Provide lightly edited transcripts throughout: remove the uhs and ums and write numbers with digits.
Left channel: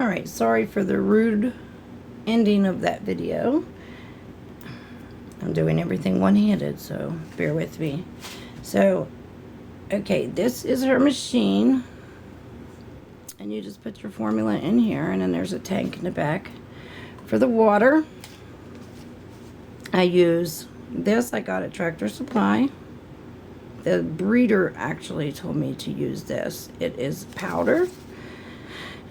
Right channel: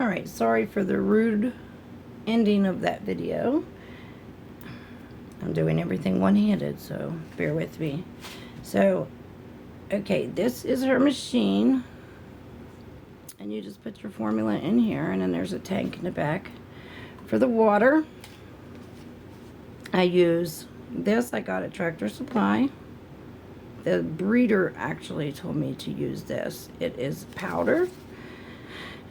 Alright, sorry for the rude ending of that video. I'm doing everything one-handed, so bear with me. So, okay, this is her machine. And you just put your formula in here, and then there's a tank in the back. For the water, I use this. I got at Tractor Supply. The breeder actually told me to use this. It is powder.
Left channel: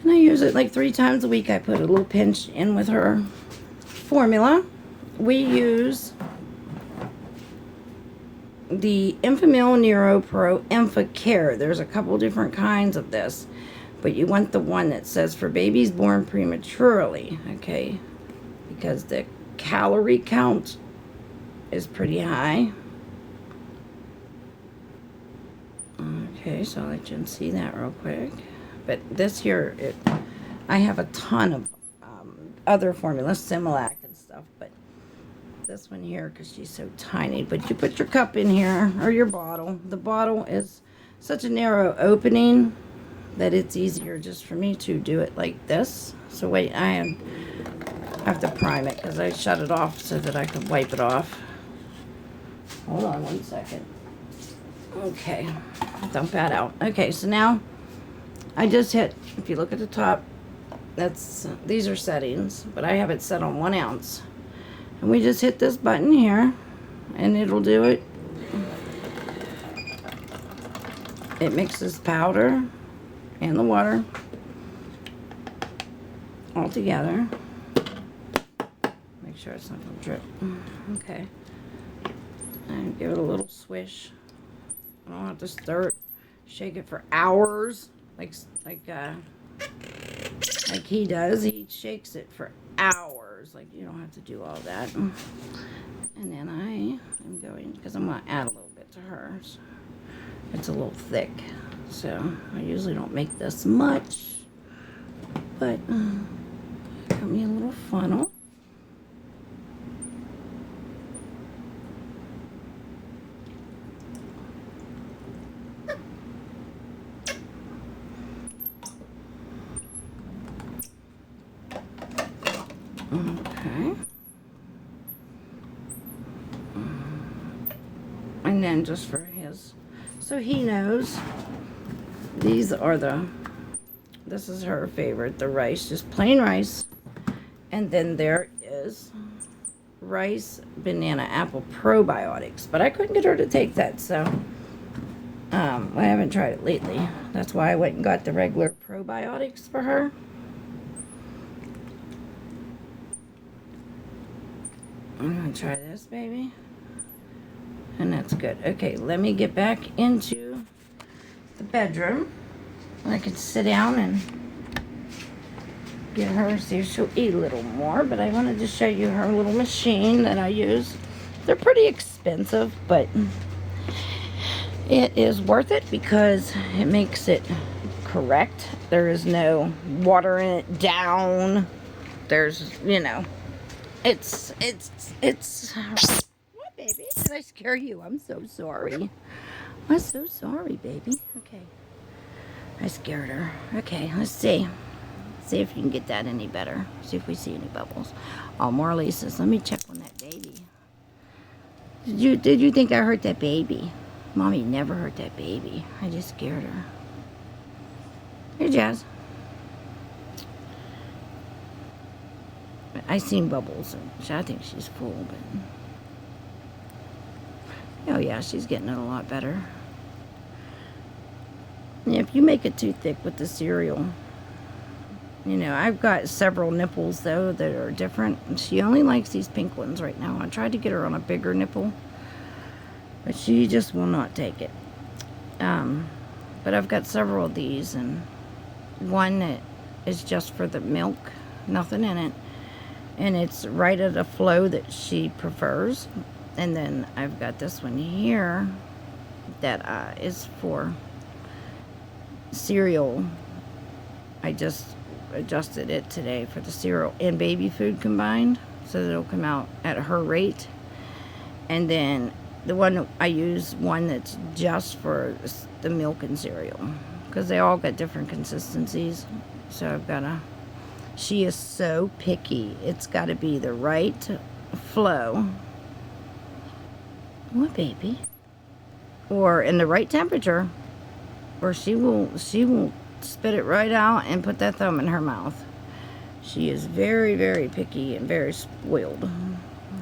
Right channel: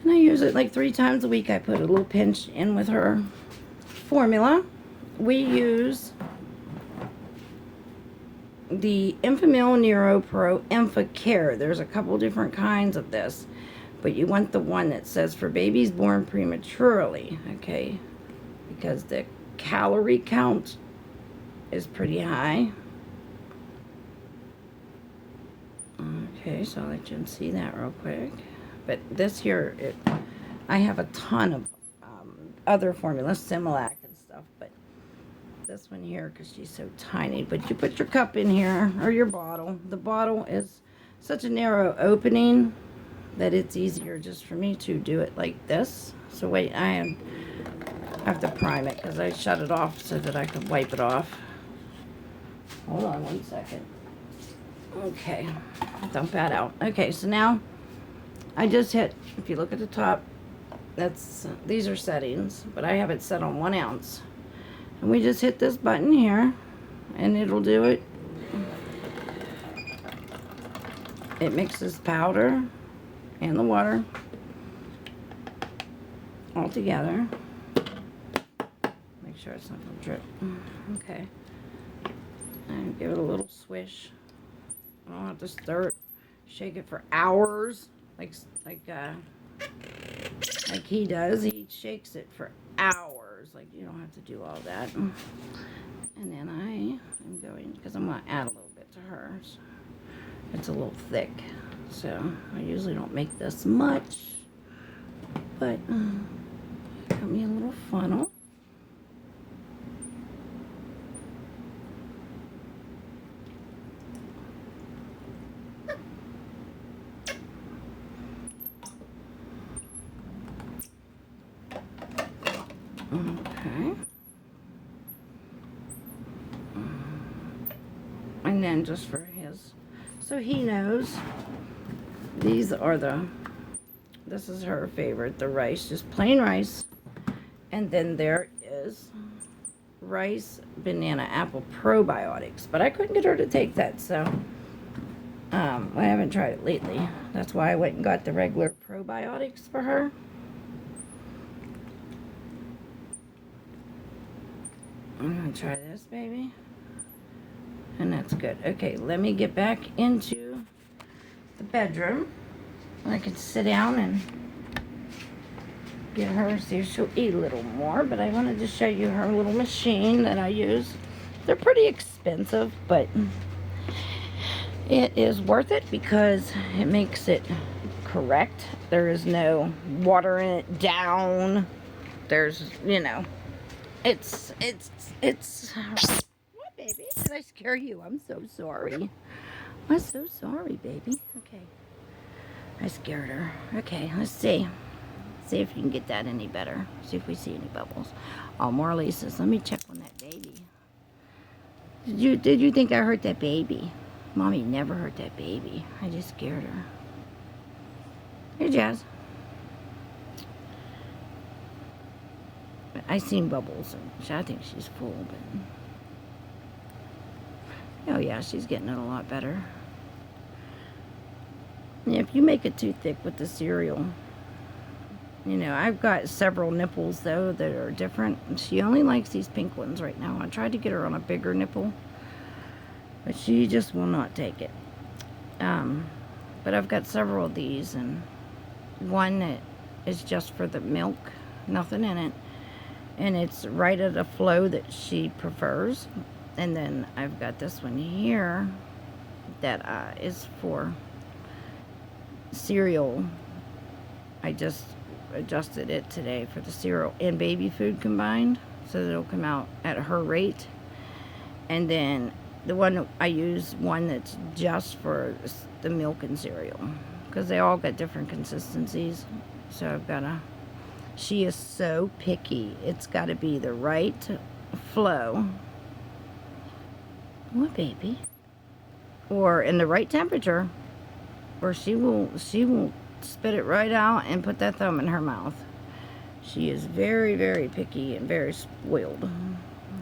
And I use it like 3 times a week. I put a little pinch in with her formula. We use the Enfamil Nero Pro EnfaCare. There's a couple different kinds of this, but you want the one that says for babies born prematurely, okay? Because the calorie count is pretty high. Okay, so I'll let you see that real quick. But this here, I have a ton of other formulas, Similac and stuff, but this one here, because she's so tiny. But you put your cup in here, or your bottle. The bottle is such a narrow opening that it's easier just for me to do it like this. So wait, I have to prime it, because I shut it off so that I could wipe it off. Hold on one second. Okay, dump that out. Okay, so now I just hit, if you look at the top, these are settings, but I have it set on 1 ounce. And we just hit this button here, and it'll do it. It mixes powder and the water all together. Make sure it's not going to drip. Okay. And give it a little swish. I don't have to stir it, shake it for hours, like he does. He shakes it for hours. Like, you don't have to do all that. And then I am going, because I'm going to add a little bit to hers. It's a little thick, so I usually don't make this much, but got me a little funnel. Okay. And then just for his, so he knows, these are this is her favorite, the rice, just plain rice. And then there is rice, banana, apple probiotics. But I couldn't get her to take that, so I haven't tried it lately. That's why I went and got the regular probiotics for her. I'm going to try this, baby. And that's good. Okay, let me get back into the bedroom. I can sit down and get her, see if she'll eat a little more. But I wanted to show you her little machine that I use. They're pretty expensive, but it is worth it because it makes it correct. There is no watering it down. There's, you know, it's what, baby? Did I scare you? I'm so sorry. I'm so sorry, baby. Okay. I scared her. Okay, let's see. See if you can get that any better. See if we see any bubbles. Oh, more Lisa's. Let me check on that baby. Did you think I hurt that baby? Mommy never hurt that baby. I just scared her. Hey, Jazz. I seen bubbles. I think she's full, but oh yeah, she's getting it a lot better. Yeah, if you make it too thick with the cereal, you know, I've got several nipples though that are different. She only likes these pink ones right now. I tried to get her on a bigger nipple, but she just will not take it. But I've got several of these, and one that is just for the milk, nothing in it, and it's right at a flow that she prefers. And then I've got this one here that is for cereal. I just adjusted it today for the cereal and baby food combined, so that it'll come out at her rate. And then the one I use, one that's just for the milk and cereal, because they all got different consistencies. So I've got to She is so picky. It's got to be the right flow. What, baby? Or in the right temperature, or she will spit it right out and put that thumb in her mouth. She is very, very picky and very spoiled.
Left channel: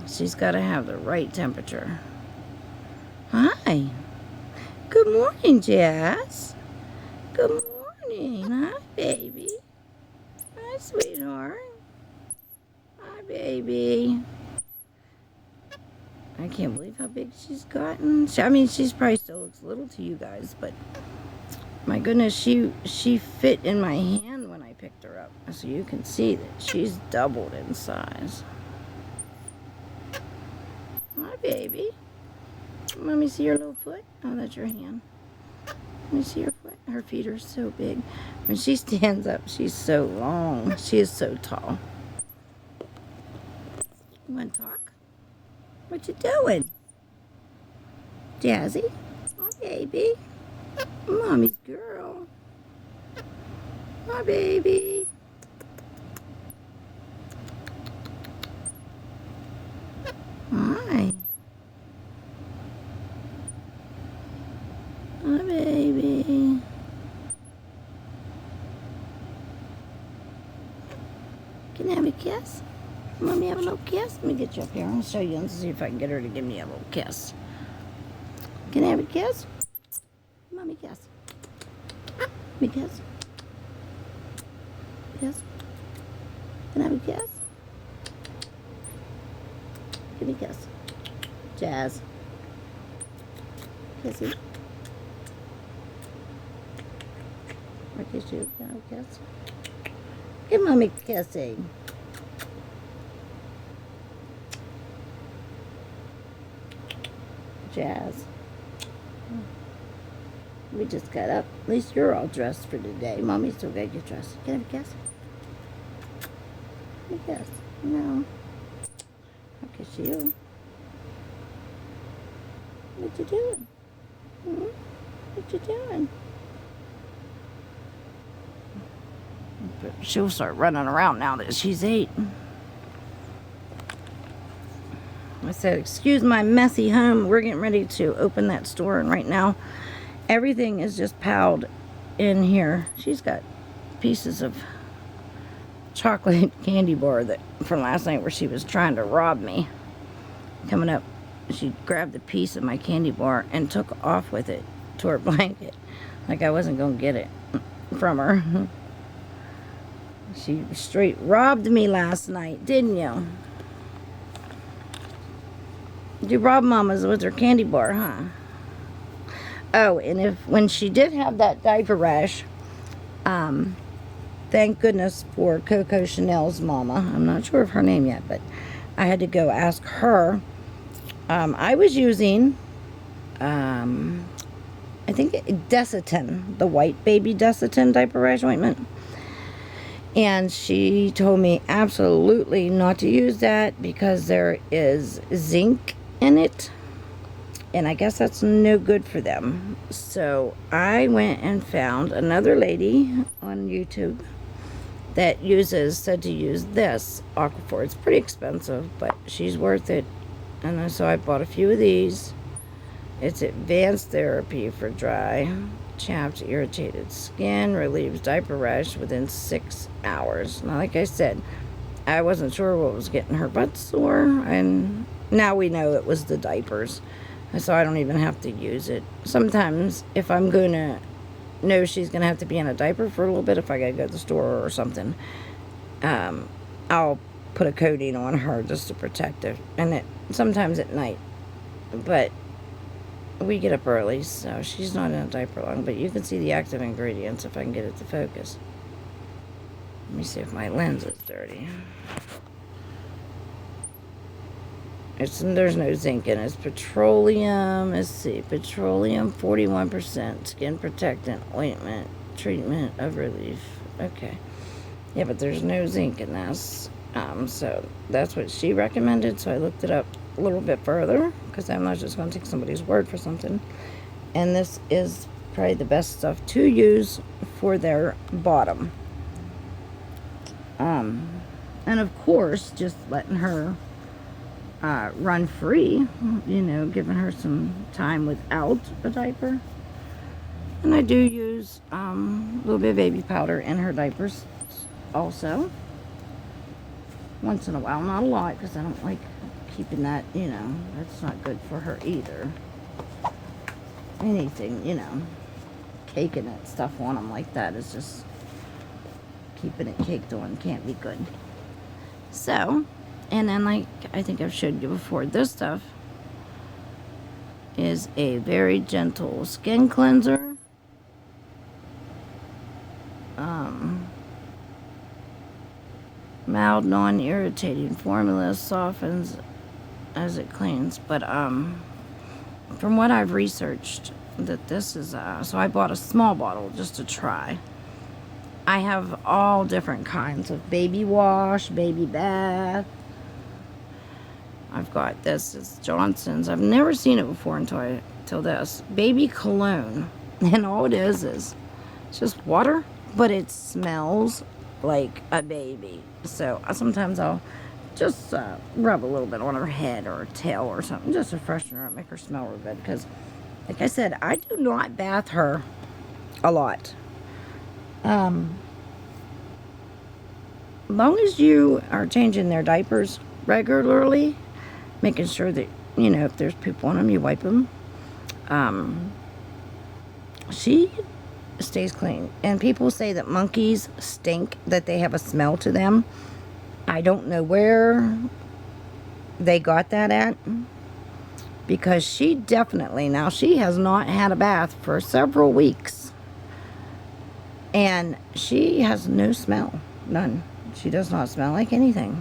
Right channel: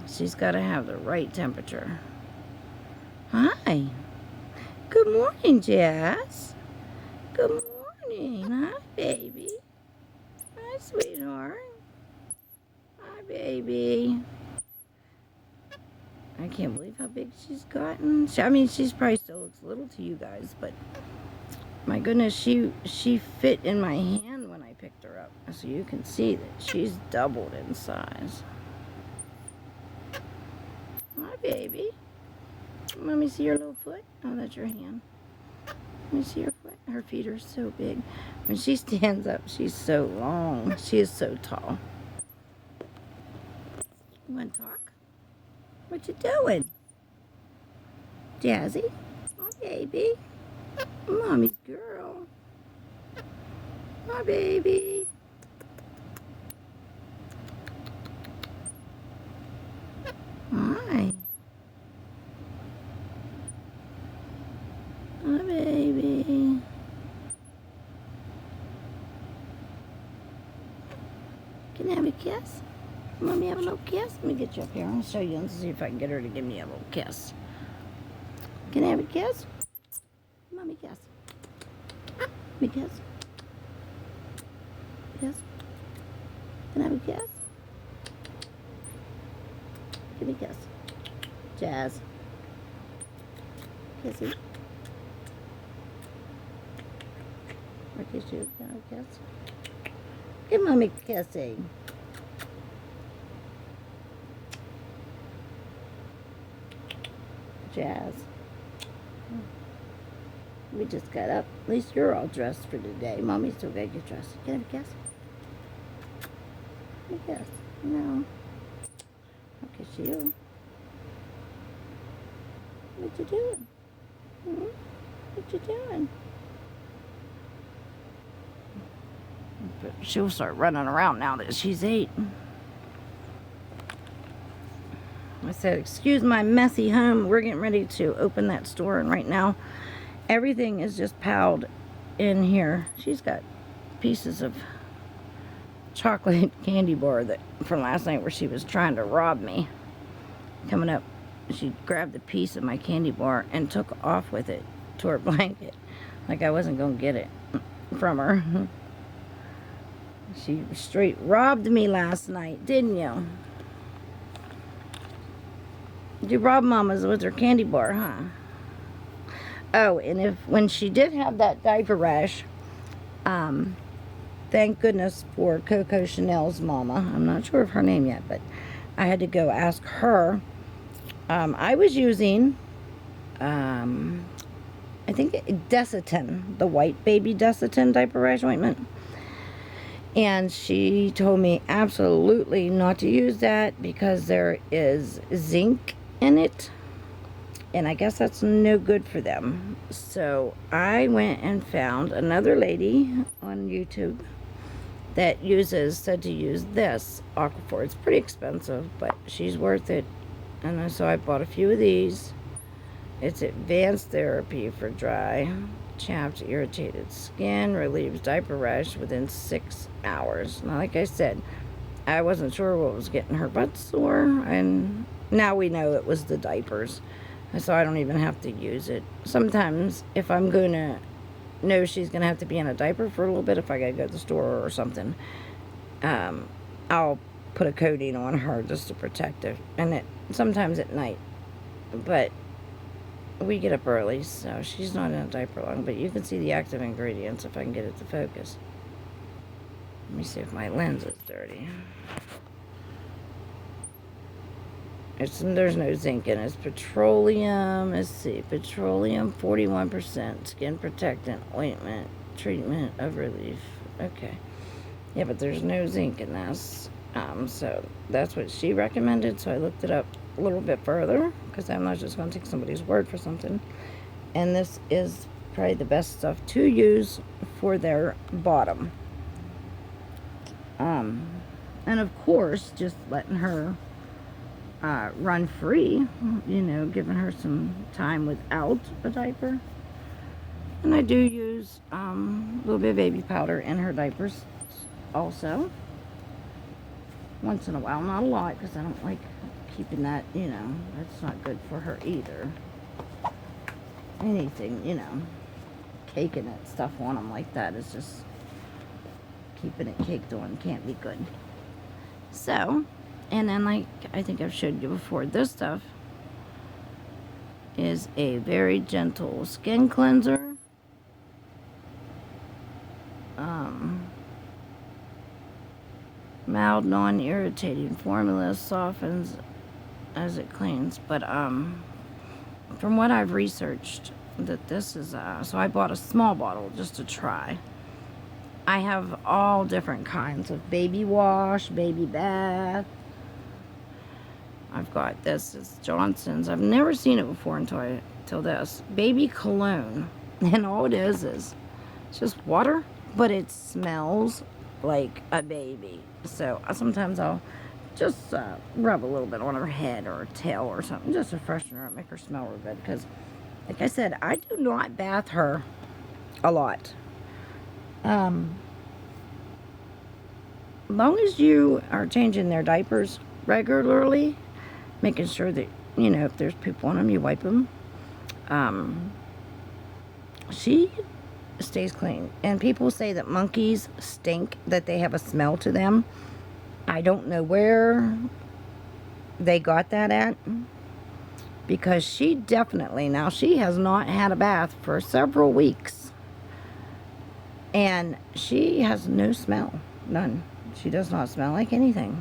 She's got to have the right temperature. Hi. Good morning, Jazz. Good morning. Hi, baby. Hi, sweetheart. Hi, baby. I can't believe how big she's gotten. I mean, she's probably still looks little to you guys, but my goodness, she fit in my hand when I picked her up. So you can see that she's doubled in size. Hi, baby. Let me see your little foot. Oh, that's your hand. Let me see her foot. Her feet are so big. When she stands up, she's so long. She is so tall. You want to talk? What you doing? Jazzy? Oh, baby. Mommy's girl. Hi, baby. Hi. Hi, baby. Can I have a kiss? Mommy have a little kiss? Let me get you up here. I'll show you and see if I can get her to give me a little kiss. Can I have a kiss? Mommy kiss. Let me kiss. Kiss. Can I have a kiss? Give me a kiss. Jazz. Kissy. I kiss you. Can I have a kiss? Give Mommy a kissy. Jazz. We just got up. At least you're all dressed for today. Mommy's still got to get dressed. Can I have a kiss? Give me a kiss. No. I'll kiss you. What you doing? Hmm? What you doing? But she'll start running around now that she's 8. I said, excuse my messy home. We're getting ready to open that store, and right now everything is just piled in here. She's got pieces of chocolate candy bar that from last night where she was trying to rob me. Coming up, she grabbed a piece of my candy bar and took off with it to her blanket, like I wasn't going to get it from her. She straight robbed me last night, didn't you? You robbed Mama's with her candy bar, huh? Oh, and when she did have that diaper rash, thank goodness for Coco Chanel's mama. I'm not sure of her name yet, but I had to go ask her. I was using, I think Desitin, the white baby Desitin diaper rash ointment. And she told me absolutely not to use that because there is zinc in it. And I guess that's no good for them. So I went and found another lady on YouTube that said to use this Aquaphor. It's pretty expensive, but she's worth it. And so I bought a few of these. It's advanced therapy for dry, chapped, irritated skin, relieves diaper rash within 6 hours. Now, like I said, I wasn't sure what was getting her butt sore, and now we know it was the diapers. So I don't even have to use it. Sometimes, if I'm going to know she's going to have to be in a diaper for a little bit, if I got to go to the store or something, I'll put a coating on her just to protect her. And sometimes at night. But we get up early, so she's not in a diaper long. But you can see the active ingredients if I can get it to focus. Let me see if my lens is dirty. There's no zinc in it. It's petroleum. Let's see. Petroleum, 41%. Skin protectant, ointment, treatment of relief. Okay. Yeah, but there's no zinc in this. So that's what she recommended. So I looked it up a little bit further because I'm not just going to take somebody's word for something. And this is probably the best stuff to use for their bottom. And of course, just letting her run free, you know, giving her some time without a diaper. And I do use a little bit of baby powder in her diapers also. Once in a while, not a lot, because I don't like keeping that, you know, that's not good for her either. Anything, you know, caking that stuff on them like that is just keeping it caked on, can't be good. So, and then like I think I've showed you before, this stuff is a very gentle skin cleanser. Mild, non-irritating formula, softens as it cleans. But from what I've researched, that this is so I bought a small bottle just to try. I have all different kinds of baby wash, baby bath. I've got this, it's Johnson's. I've never seen it before until this. Baby cologne. And all it is it's just water, but it smells like a baby. So sometimes I'll just rub a little bit on her head or her tail or something, just to freshen her up, make her smell real good. Because, like I said, I do not bath her a lot. As long as you are changing their diapers regularly, making sure that, you know, if there's poop on them, you wipe them. She stays clean. And people say that monkeys stink, that they have a smell to them. I don't know where they got that at, because she definitely, now she has not had a bath for several weeks, and she has no smell, none. She does not smell like anything.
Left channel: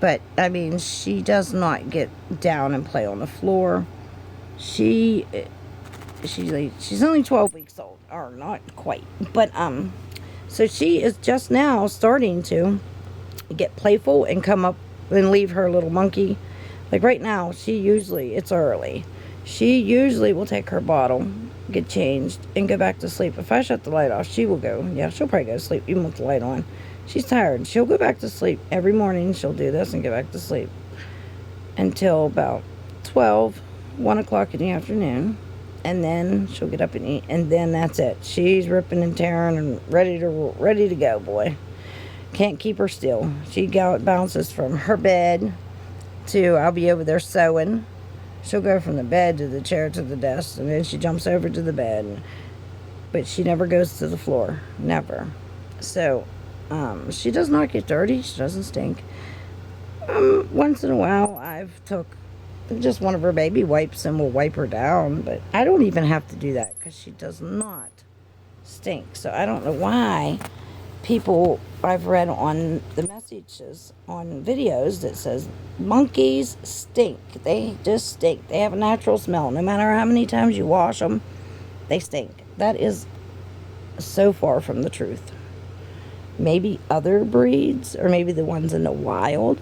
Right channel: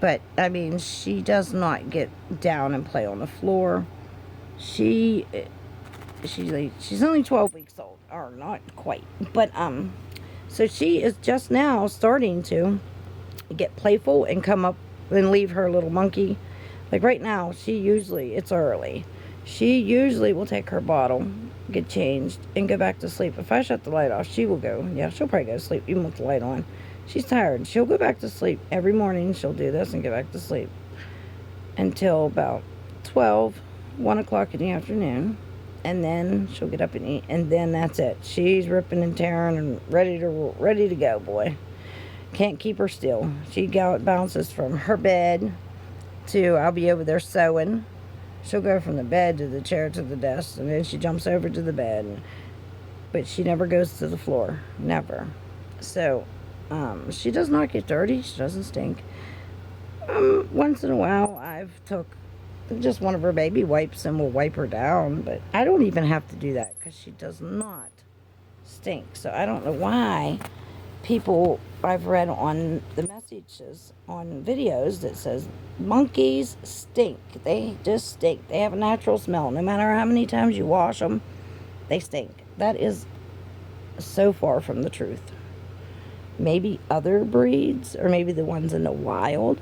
But I mean, she does not get down and play on the floor. She's only 12 weeks old, or not quite, but so she is just now starting to get playful and come up and leave her little monkey. Like right now, it's early, she usually will take her bottle, get changed, and go back to sleep. If I shut the light off, she will go, yeah, she'll probably go to sleep even with the light on. She's tired. She'll go back to sleep every morning. She'll do this and go back to sleep until about 12, 1 o'clock in the afternoon. And then she'll get up and eat, and then that's it. She's ripping and tearing and ready to go, boy. Can't keep her still. She bounces from her bed to, I'll be over there sewing. She'll go from the bed to the chair to the desk, and then she jumps over to the bed. But she never goes to the floor. Never. So, she does not get dirty. She doesn't stink. Once in a while, I've took just one of her baby wipes and will wipe her down, but I don't even have to do that because she does not stink. So I don't know why people, I've read on the messages on videos that says monkeys stink. They just stink. They have a natural smell. No matter how many times you wash them, they stink. That is so far from the truth. Maybe other breeds, or maybe the ones in the wild,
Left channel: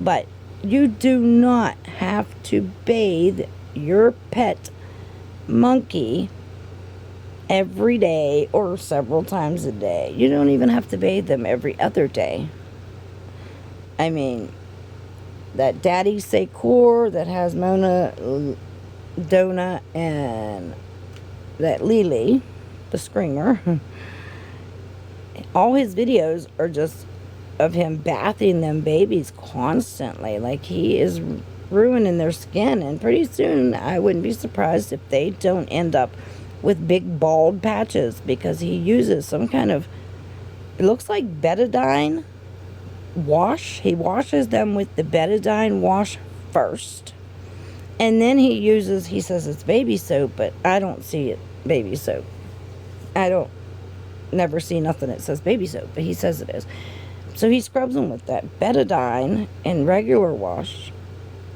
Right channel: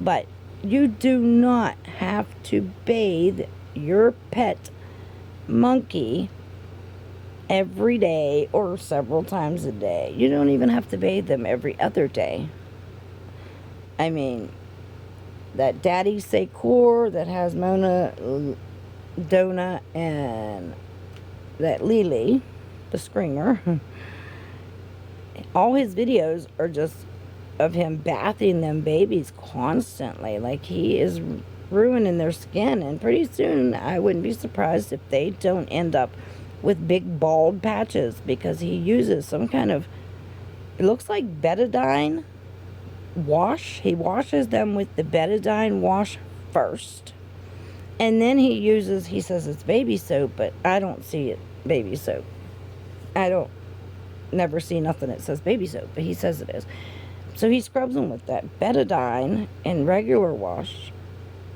but you do not have to bathe your pet monkey every day or several times a day. You don't even have to bathe them every other day. I mean, that Daddy SAKOR that has Mona, Donna, and that Lily, the screamer, all his videos are just of him bathing them babies constantly. Like, he is ruining their skin, and pretty soon I wouldn't be surprised if they don't end up with big bald patches, because he uses some kind of, it looks like betadine wash. He washes them with the betadine wash first, and then he says it's baby soap, but I don't see it baby soap. Never see nothing that says baby soap, but he says it is. So he scrubs them with that betadine and regular wash.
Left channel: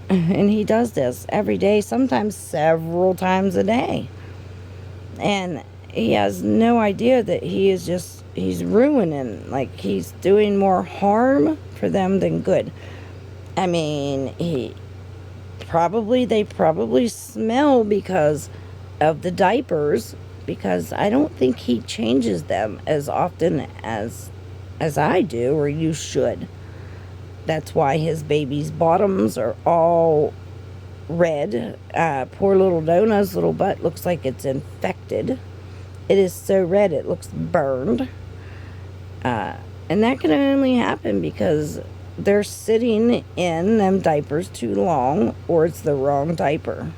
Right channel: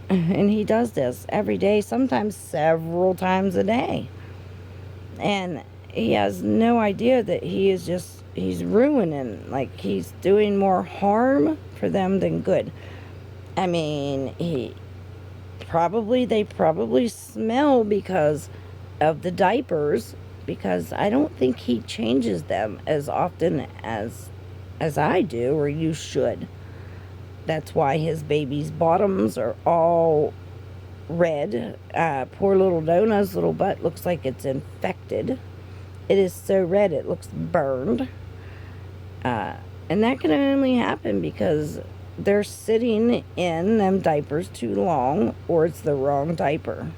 And he does this every day, sometimes several times a day. And he has no idea that he's ruining, like, he's doing more harm for them than good. I mean, they probably smell because of the diapers, because I don't think he changes them as often as I do, or you should. That's why his baby's bottoms are all red. Poor little Donna's little butt looks like it's infected. It is so red it looks burned. And that can only happen because they're sitting in them diapers too long, or it's the wrong diaper.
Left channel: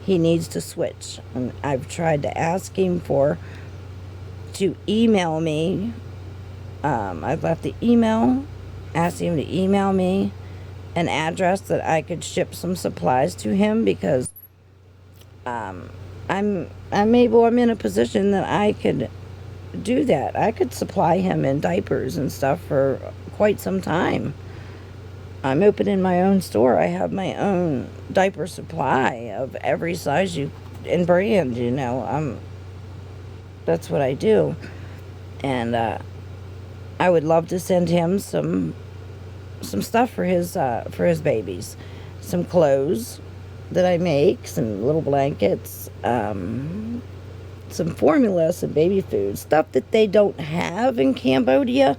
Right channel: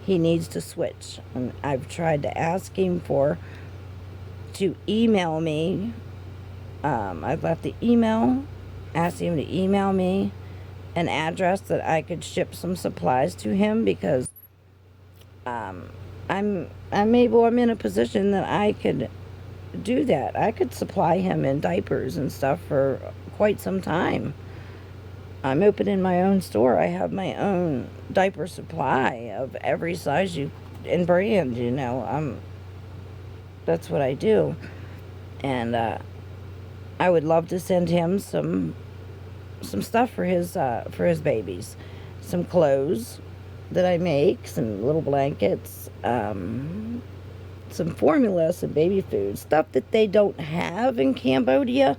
He needs to switch. And I've tried to ask him to email me. I've left the email, asked him to email me an address that I could ship some supplies to him, because I'm in a position that I could do that. I could supply him in diapers and stuff for quite some time. I'm opening my own store. I have my own diaper supply of every size and brand, that's what I do. And I would love to send him some stuff for his babies. Some clothes that I make, some little blankets, some formula, some baby food, stuff that they don't have in Cambodia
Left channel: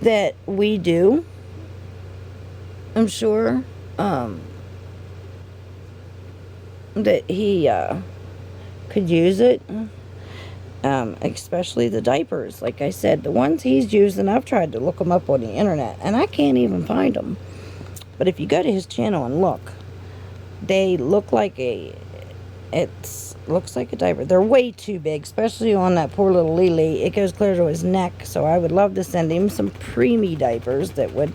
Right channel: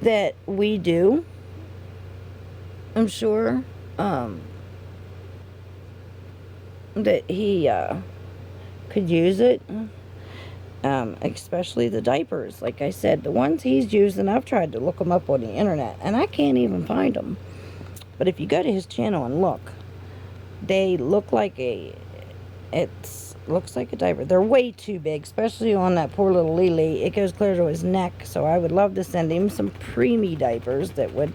that we do. I'm sure that he could use it, especially the diapers. Like I said, the ones he's using, I've tried to look them up on the internet, and I can't even find them. But if you go to his channel and look, they look like looks like a diaper. They're way too big, especially on that poor little Lily. It goes clear to his neck, so I would love to send him some preemie diapers that would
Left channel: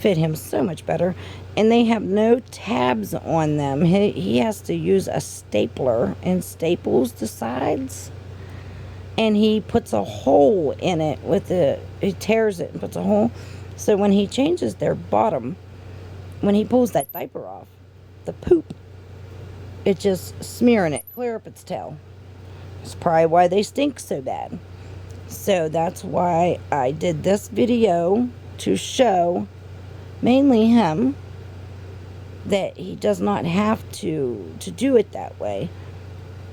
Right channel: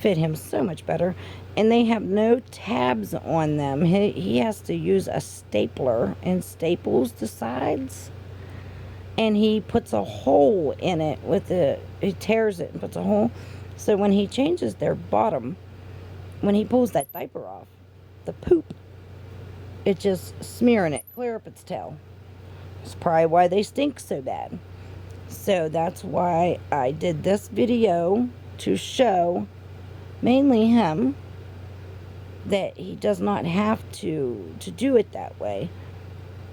fit him so much better. And they have no tabs on them. He has to use a stapler and staples the sides. And he puts a hole in it he tears it and puts a hole. So when he changes their bottom, when he pulls that diaper off, the poop, it's just smearing it clear up its tail. That's probably why they stink so bad. So that's why I did this video, to show mainly him that he does not have to do it that way.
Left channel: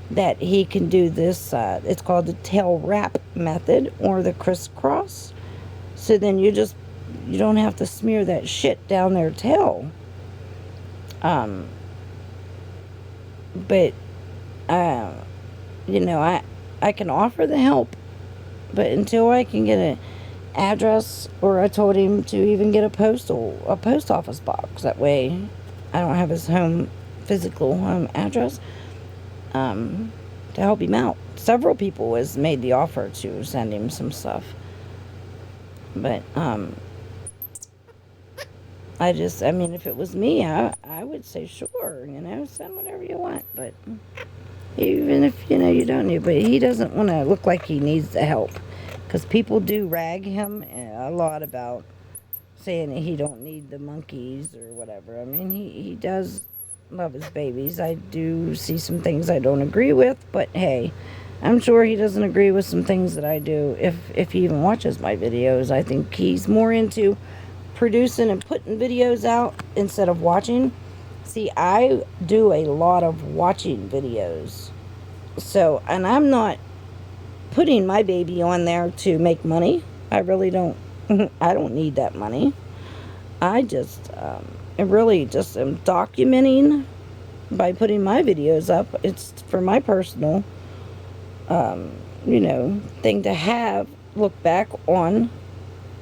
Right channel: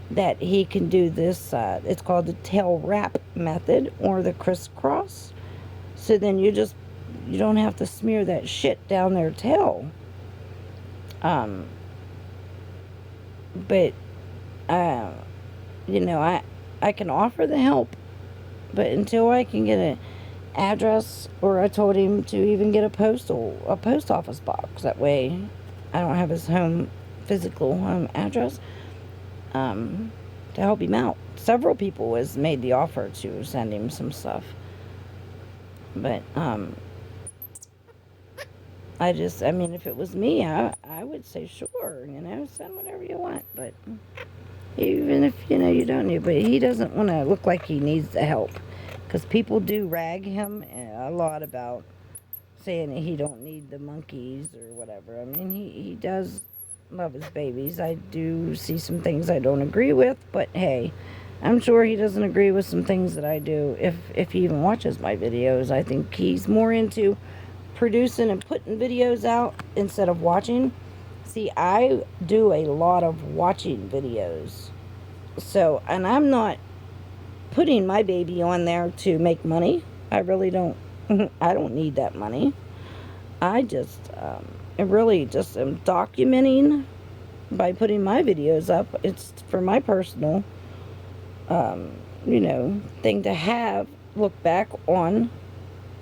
That he can do this, it's called the tail wrap method, or the crisscross. So then you don't have to smear that shit down their tail. But I can offer the help, but until I can get an address, or I told him to even get a post office box, that way I don't have his physical home address, to help him out. Several people has made the offer to send him some stuff, but if it was me, I would say sure, send whatever you want. But even if you don't need, but he doesn't want to look like he needs the help, because people do rag him a lot about saying that he don't need the monkeys or whatever. He does love his babies. I do see some things I don't agree with, but hey, I'm sure he doesn't agree with some things that I do. If he even watches my videos, I think he's more into producing and putting videos out instead of watching. See, I do a lot of watching videos. So, and I'm not putting my baby on there to make money. I really don't. I don't need that money. I just really just am documenting by putting my videos up. It's for my personal, thing to look back on